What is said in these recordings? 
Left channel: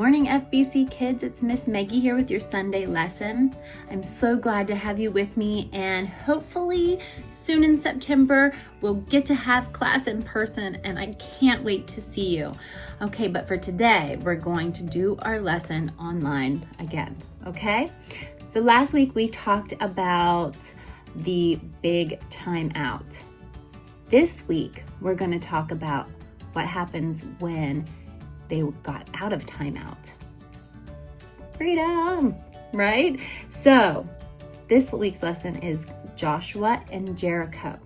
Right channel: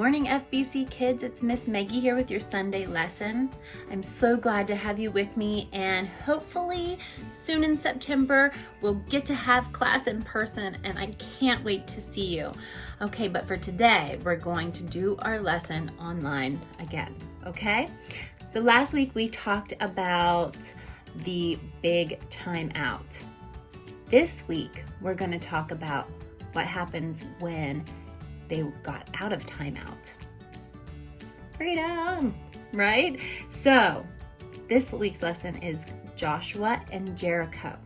morning, FBC kids. It's Miss Maggie here with your Sunday lesson. I'm so glad to have you with me, and hopefully soon in September we'll get to have class in person, and I can't wait to see you. Okay, but for today we're going to do our lesson online again, okay? So last week we talked about the big timeout. This week we're going to talk about what happens when they got out of timeout. Freedom, right? So this week's lesson is Joshua and Jericho.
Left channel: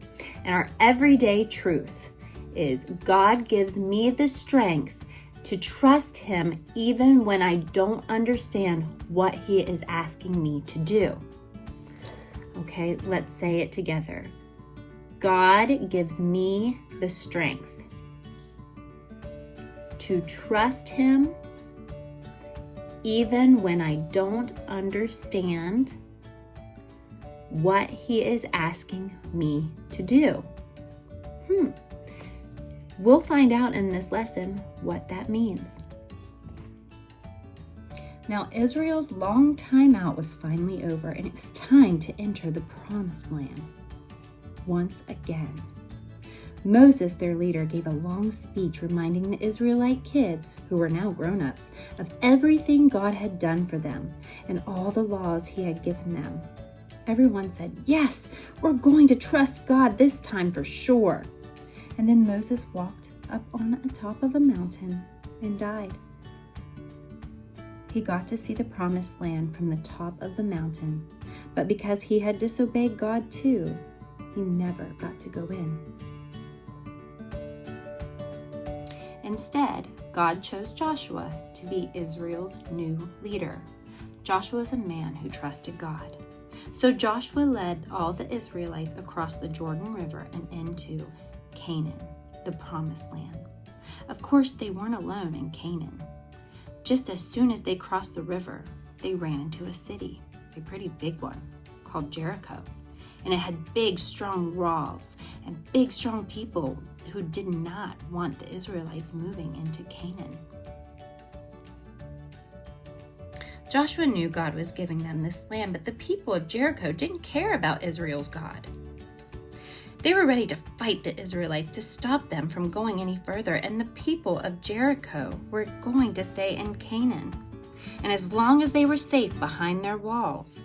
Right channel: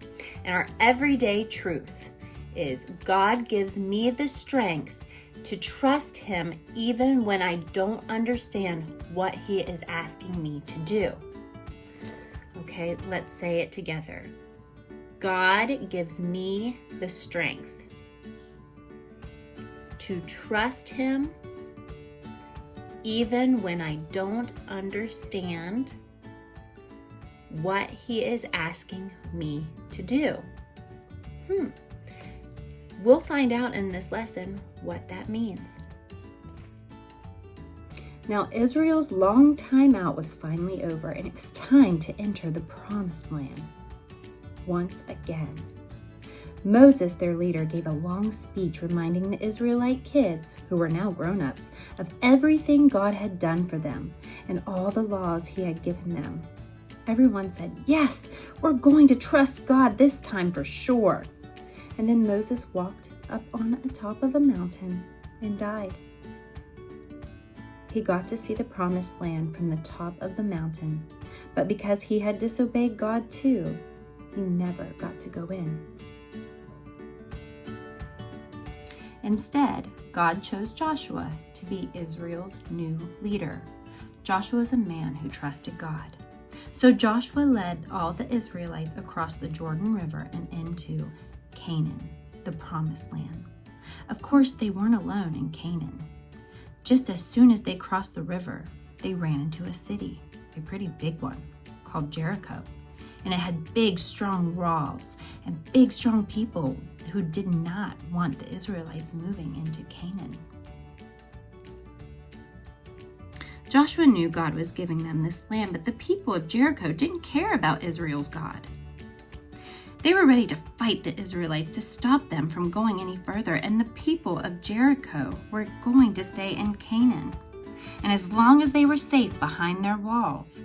And our everyday truth is God gives me the strength to trust him even when I don't understand what he is asking me to do. Okay, let's say it together. God gives me the strength to trust him even when I don't understand what he is asking me to do. We'll find out in this lesson what that means. Now Israel's long time out was finally over, and it was time to enter the promised land once again. Moses, their leader, gave a long speech reminding the Israelite kids, who were now grown-ups, of everything God had done for them and all the laws he had given them. Everyone said, "Yes, we're going to trust God this time for sure." And then Moses walked up on the top of a mountain and died. He got to see the promised land from the top of the mountain, but because he had disobeyed God too, he never got to go in. Instead, God chose Joshua to be Israel's new leader. Joshua is a man who trusted God. So Joshua led all the Israelites across the Jordan River and into Canaan, the promised land. Of course, they weren't alone in Canaan. Just as soon as they crossed the river, they ran into a city, a pretty big one, called Jericho. And it had big, strong walls and big, strong people who did not want the Israelites moving into Canaan. Joshua knew God was giving them this land, but the people of Jericho didn't care about Israel's God. They were ready to fight the Israelites to stop them from going any further, and the people of Jericho were going to stay in Canaan. And as long as they were safe behind their walls,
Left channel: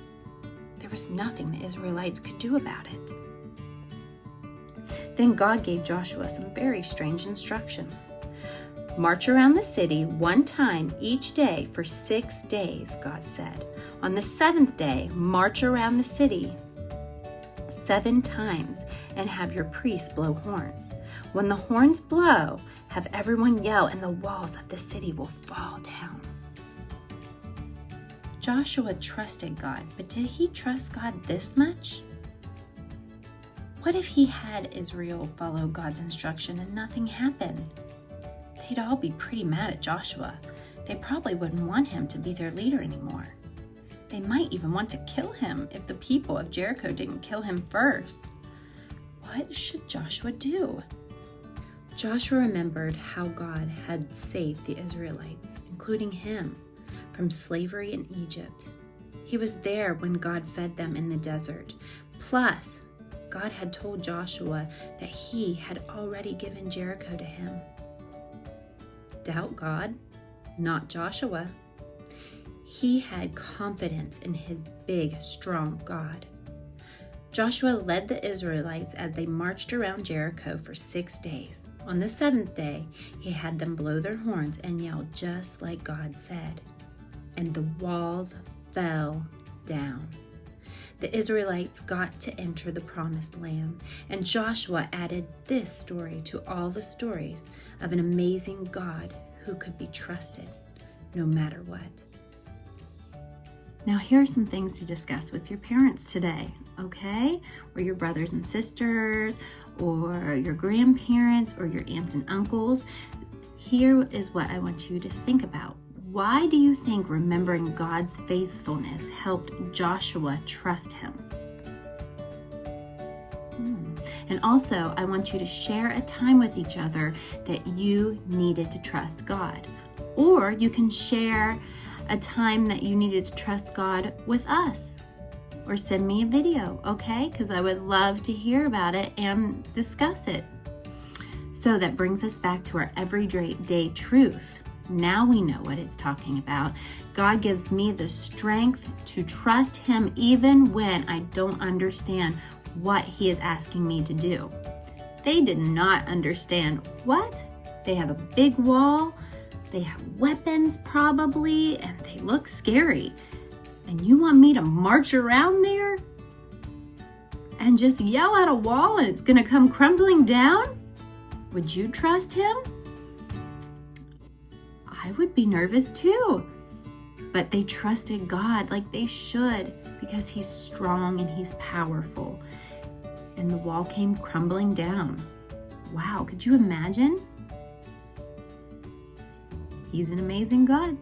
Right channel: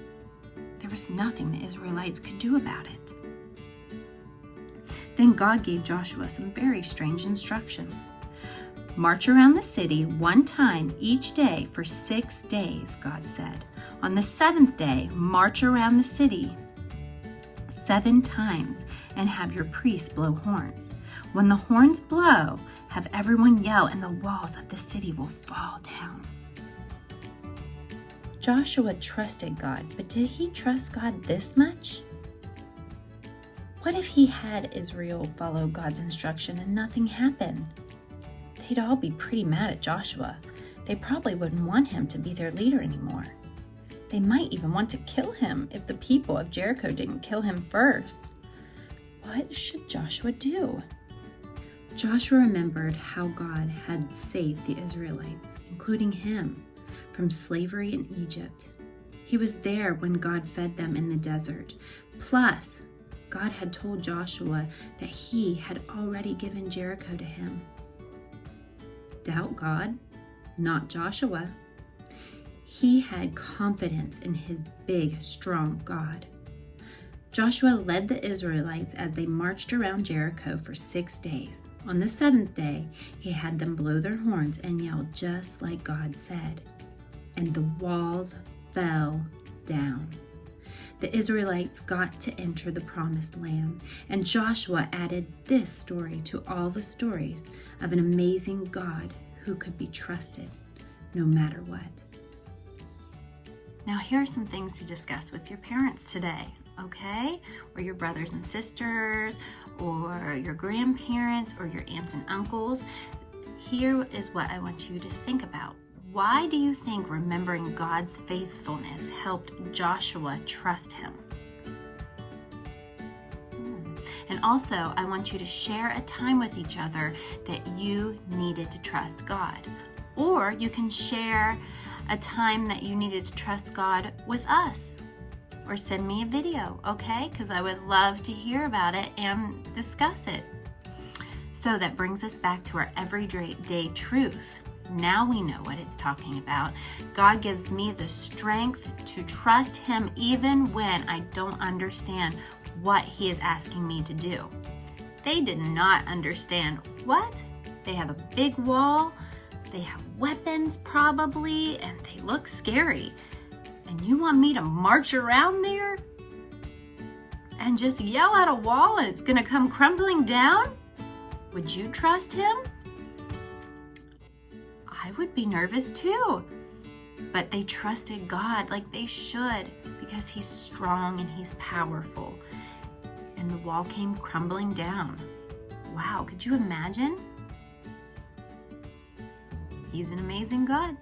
there was nothing the Israelites could do about it. Then God gave Joshua some very strange instructions. March around the city one time each day for 6 days, God said. On the 7th day, march around the city 7 times and have your priests blow horns. When the horns blow, have everyone yell and the walls of the city will fall down. Joshua trusted God, but did he trust God this much? What if he had Israel follow God's instruction and nothing happened? They'd all be pretty mad at Joshua. They probably wouldn't want him to be their leader anymore. They might even want to kill him if the people of Jericho didn't kill him first. What should Joshua do? Joshua remembered how God had saved the Israelites, including him, from slavery in Egypt. He was there when God fed them in the desert. Plus, God had told Joshua that he had already given Jericho to him. Doubt God? Not Joshua. He had confidence in his big, strong God. Joshua led the Israelites as they marched around Jericho for 6 days. On the 7th day, he had them blow their horns and yell just like God said. And the walls fell down. The Israelites got to enter the promised land, and Joshua added this story to all the stories of an amazing God who could be trusted no matter what. Now here are some things to discuss with your parents today, okay? Or your brothers and sisters, or your grandparents, or your aunts and uncles. Here is what I want you to think about. Why do you think remembering God's faithfulness helped Joshua trust him? And also, I want you to share a time with each other that you needed to trust God. Or you can share a time that you needed to trust God with us. Or send me a video, okay? Because I would love to hear about it and discuss it. So that brings us back to our everyday truth. Now we know what it's talking about. God gives me the strength to trust Him even when I don't understand what He is asking me to do. They did not understand. What? They have a big wall, they have weapons probably, and they look scary. And you want me to march around there and just yell at a wall and it's gonna come crumbling down? Would you trust Him? I would be nervous too. But they trusted God like they should because He's strong and He's powerful. And the wall came crumbling down. Wow, could you imagine? He's an amazing God.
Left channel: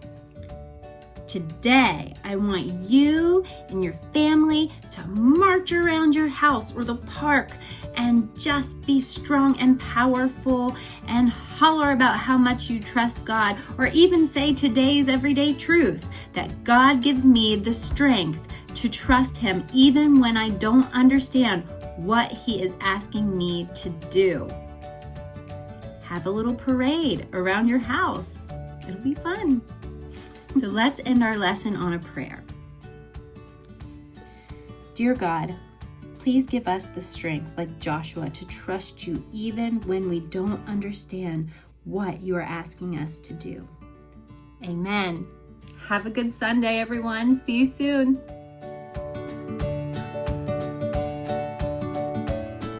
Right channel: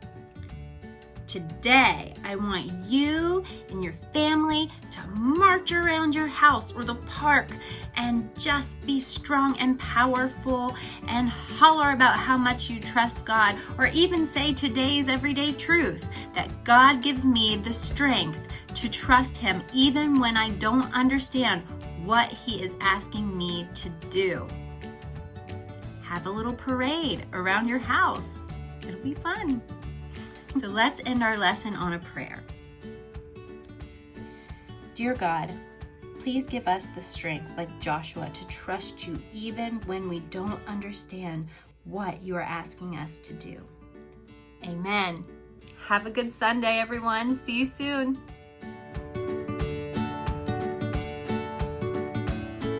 Today, I want you and your family to march around your house or the park and just be strong and powerful and holler about how much you trust God, or even say today's everyday truth, that God gives me the strength to trust Him even when I don't understand what He is asking me to do. Have a little parade around your house. It'll be fun. So let's end our lesson on a prayer. Dear God, please give us the strength, like Joshua, to trust You even when we don't understand what You are asking us to do. Amen. Have a good Sunday, everyone. See you soon.